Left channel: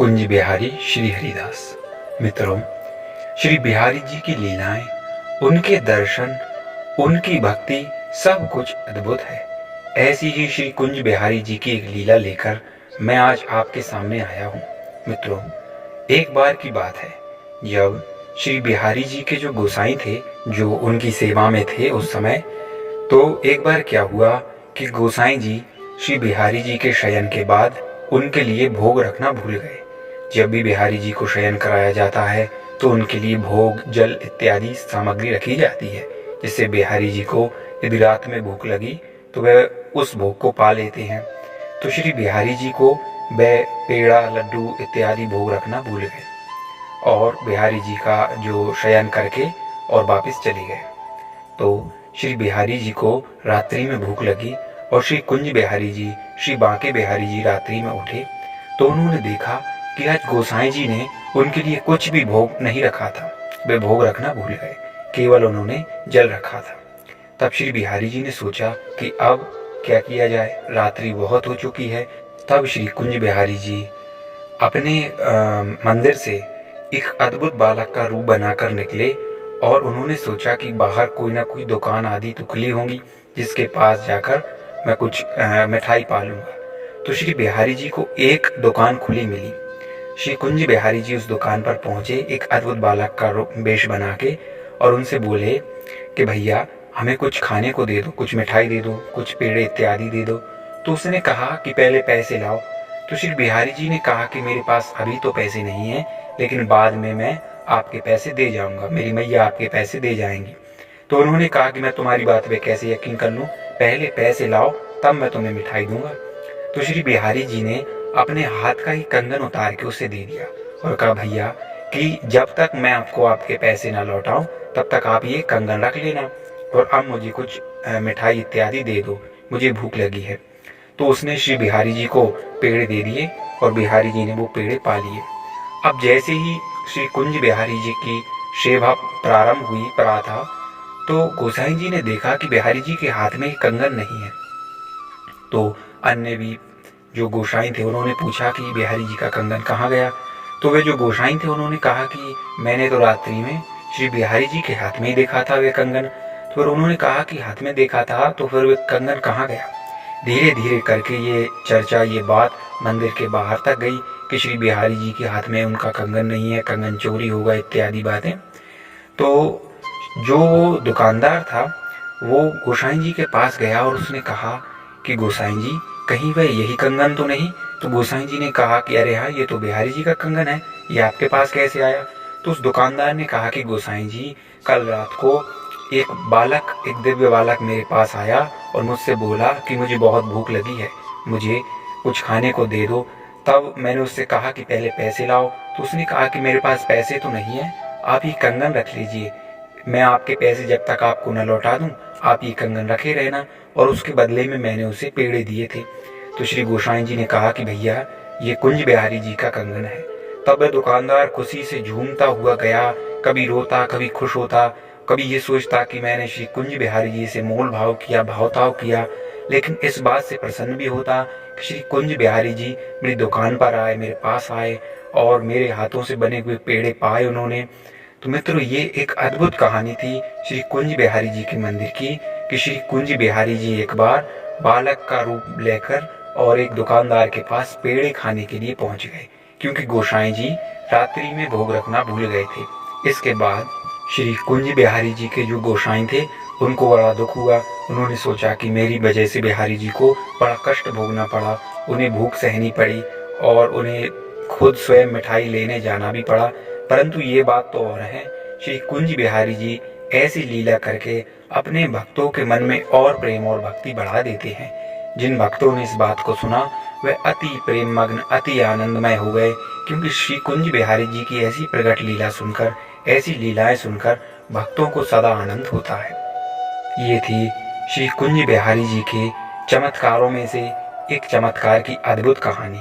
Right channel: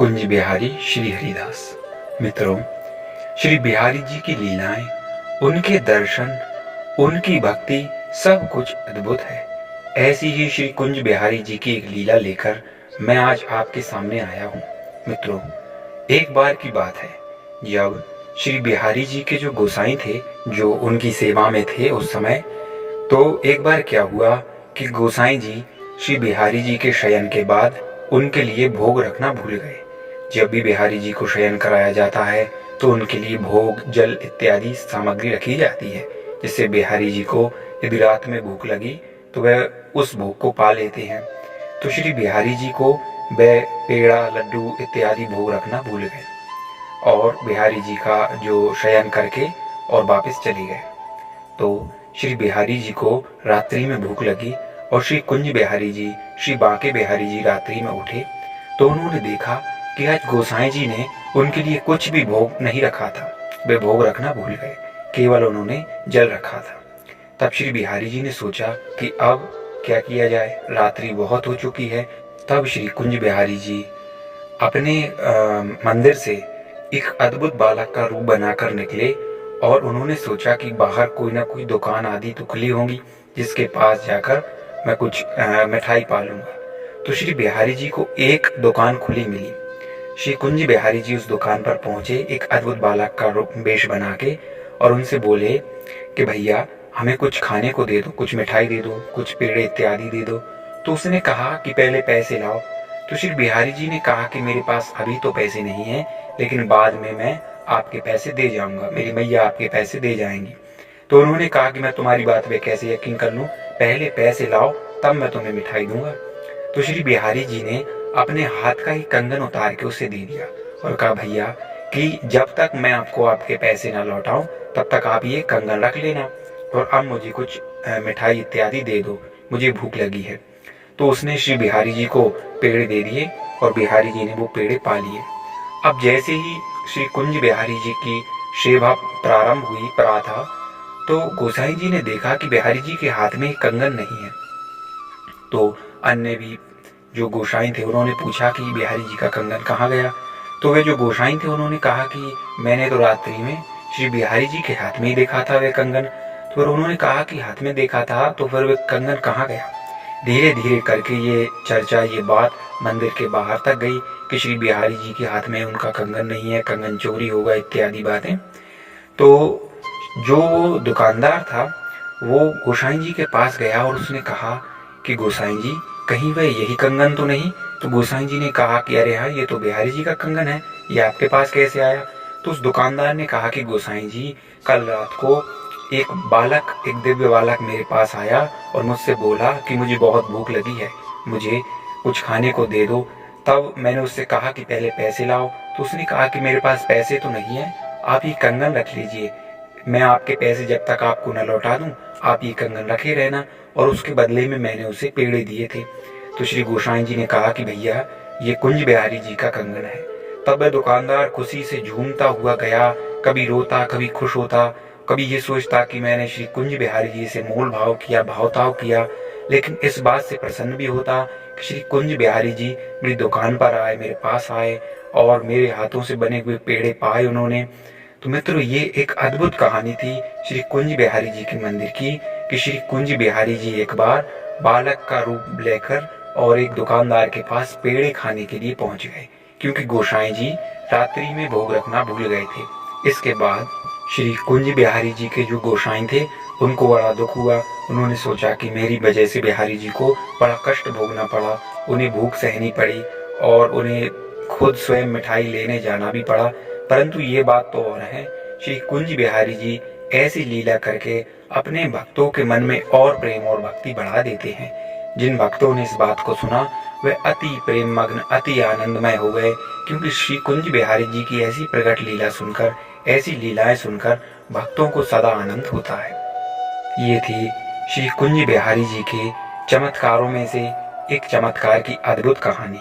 कुंज बिहारी श्री हरिदास। मित्रों, श्री बिहारी जी की लीलाएं, उनके दर्शन, उनकी भक्ति सब कुछ अद्भुत है। ऐसी ही श्री कुंज बिहारी जी की एक लीला लेकर मैं आज आपके सामने आया हूँ। मित्रों, एक बार की बात है जब श्री बिहारी जी के जो गोसाई थे, जो उनकी सेवा में थे उस समय, तो एक बार क्या हुआ कि गोसाई जी श्री बिहारी जी के शयन के बाद उनके लिए भोग रखना भूल गए। जब भी बिहारी जी को शयन कराया जाता है तो उनके लिए भोग, जल इत्यादि सामग्री रखी जाती है, जिससे बिहारी जी को यदि रात में भूख लगी तो वह उस भोग को पा लेते हैं। तो श्री बिहारी जी को वह पेड़ा, लड्डू इत्यादि भोग रखना भूल गए और बिहारी जी का जो शयन करके और वापस चले गए। तो श्री बिहारी जी को रात्रि में भूख लगी और श्री कुंज बिहारी जी, श्री बांके बिहारी जी रात्रि में उठे तो उन्होंने देखा कि आज गोसाई जी ने उनके लिए कुछ भी भोग नहीं रखा था। वे भोग रखना भूल गए, केवल उन्होंने जल रखा था। तब श्री बिहारी जी ने सोचा कि अब क्या किया जाए, रात्रि बहुत हो चुकी है। तब श्री कुंज बिहारी जी अपने मंदिर से एक अद्भुत बालक का रूप बनाकर निकले और उन्होंने सोचा कि बाहर कोई ना कोई दुकान आदि तो खुली होंगी, जिसके पास जाकर मैं कुछ मिठाई पा लूँगा। तो श्री बिहारी जी को एक दुकान खुली मिली। श्री कुंज बिहारी जी उस दुकान पर पहुंचे एक अद्भुत बालक का वेश बना के और उनसे बोले कि भैया, हमें कुछ खाने को दे दो, कुछ मिठाई दे दो, कुछ पेड़े इत्यादि दे दो। तो उसने कहा कि पहले पैसे लाओ। तो श्री बिहारी जी ने कहा कि मेरे पास अभी तो पैसे नहीं हैं, लेकिन बाद में मैं आपके पैसे दे जाऊंगा, मेरी मैया आपके पैसे दे जाएंगी। तो उन्होंने कहा कि मैं तुम्हारी बात पे कैसे यकीन कर लूँ, पहले पैसे लाओ तब मैं तुम्हें मिठाई दूंगा। तो श्री बिहारी जी ने अपने हाथ का ही कंगन उतार के उसे दे दिया और कहा, भैया कि जब तक मैं आपको आपके पैसे ना लौटाऊं तब तक आप ये कंगन रख लेना और अब मुझे कुछ मिठाई इत्यादि दे दो, मुझे भूख लगी है। तो उसने श्री बिहारी जी को पेड़ दे दिए और बिहारी जी ने वो पेड़े पा लिए। अब जैसे ही श्री कुंज बिहारी जी की सेवा प्रारंभ हुई प्रातः, तो गोसाई जी ने देखा कि बिहारी जी के हाथ में कंगन नहीं है। तो अन्य भी जो गोसाई थे उन्होंने पूछा कि बिहारी जी का कंगन कहाँ गया। तो वे जो गोसाई थे उन्होंने कहा कि मैंने तो रात्रि में श्री बिहारी जी के हाथ में ही देखा था वे कंगन। तो फिर उन्होंने कहा कि हाथ में देखा था तो फिर वे कंगन कहाँ गया। धीरे धीरे करके ये चर्चा, ये बात मंदिर के बाहर तक गई कि श्री बिहारी जी के हाथ में उनका कंगन नहीं है, कंगन चोरी होगा इत्यादि बातें। तो जो दुकानदार था वो गोसाई जी के पास गया और उसने कहा कि गोसाई जी, कहीं वह यही कंगन तो नहीं। तो गोसाई जी ने कहा कि अरे हाँ, ये तो बिहारी जी का कंगन है, ये आपके पास कैसे आया। तो उस दुकानदार ने कहा कि गोसाई जी, कल रात को एक बालक, एक दिव्य बालक मेरे पास आया और मुझसे बोला कि मुझे बहुत भूख लगी है, मुझे कुछ खाने को दे दो। तब मैंने उससे कहा कि पहले पैसे लाओ। तो उसने कहा कि मेरे पास पैसे तो नहीं है, आप ये कंगन रख लीजिए, मैं आपके पैसे जब तक आपको न लौटा दूं आप ये कंगन रखे रहना। और उसके बदले में मैंने उसे पेड़े दिए थे। तो श्री गोसाई जी ने कहा कि भैया, ये कुंज बिहारी जी का कंगन है। तब वह दुकानदार खुशी से झूमता हुआ गया, कभी रोता, कभी खुश होता, कभी ये सोचता कि मैंने श्री कुंज बिहारी जी से मोल भाव किया, भावताव किया, लेकिन इस बात से प्रसन्न भी होता कि श्री कुंज बिहारी जी मेरी दुकान पर आए, मेरे पास आए और मेरे हाथों से बने हुए पेड़े पाए उन्होंने। तो मित्रों, ये एक अद्भुत कहानी थी श्री कुंज बिहारी जी के मंदिर की कि श्री कुंज बिहारी जी एक बार बालक का रूप लेकर और एक दुकानदार के पास पेड़े खाने के लिए पहुंच गए, क्योंकि गोसाई जी रात्रि में भोग रखना भूल गए थे। इसके बाद श्री कुंज बिहारी जी के जो गोसाई थे उनको बड़ा दुख हुआ। उन्होंने सोचा कि मेरी वजह से बिहारी जी को बड़ा कष्ट भोगना पड़ा, उन्हें भूख सहनी पड़ी और उन्हें खुद स्वयं मिठाई लेने जाना भी पड़ा। परंतु ये बात तो और है, श्री कुंज बिहारी जी ऐसी लीला करके अपने भक्तों के मन में और प्रेम और भक्ति बढ़ा देते हैं। जिन भक्तों ने इस बात को सुना वे अति प्रेम मग्न, अति आनंदमय हो गए, क्योंकि श्री कुंज बिहारी जी की ऐसी प्रकट लीला सुनकर, ऐसी लीलाएं सुनकर भक्तों को सदा आनंद होता है। ये थी श्री कुंज बिहारी जी के चमत्कारों में से एक चमत्कार की अद्भुत कहानी।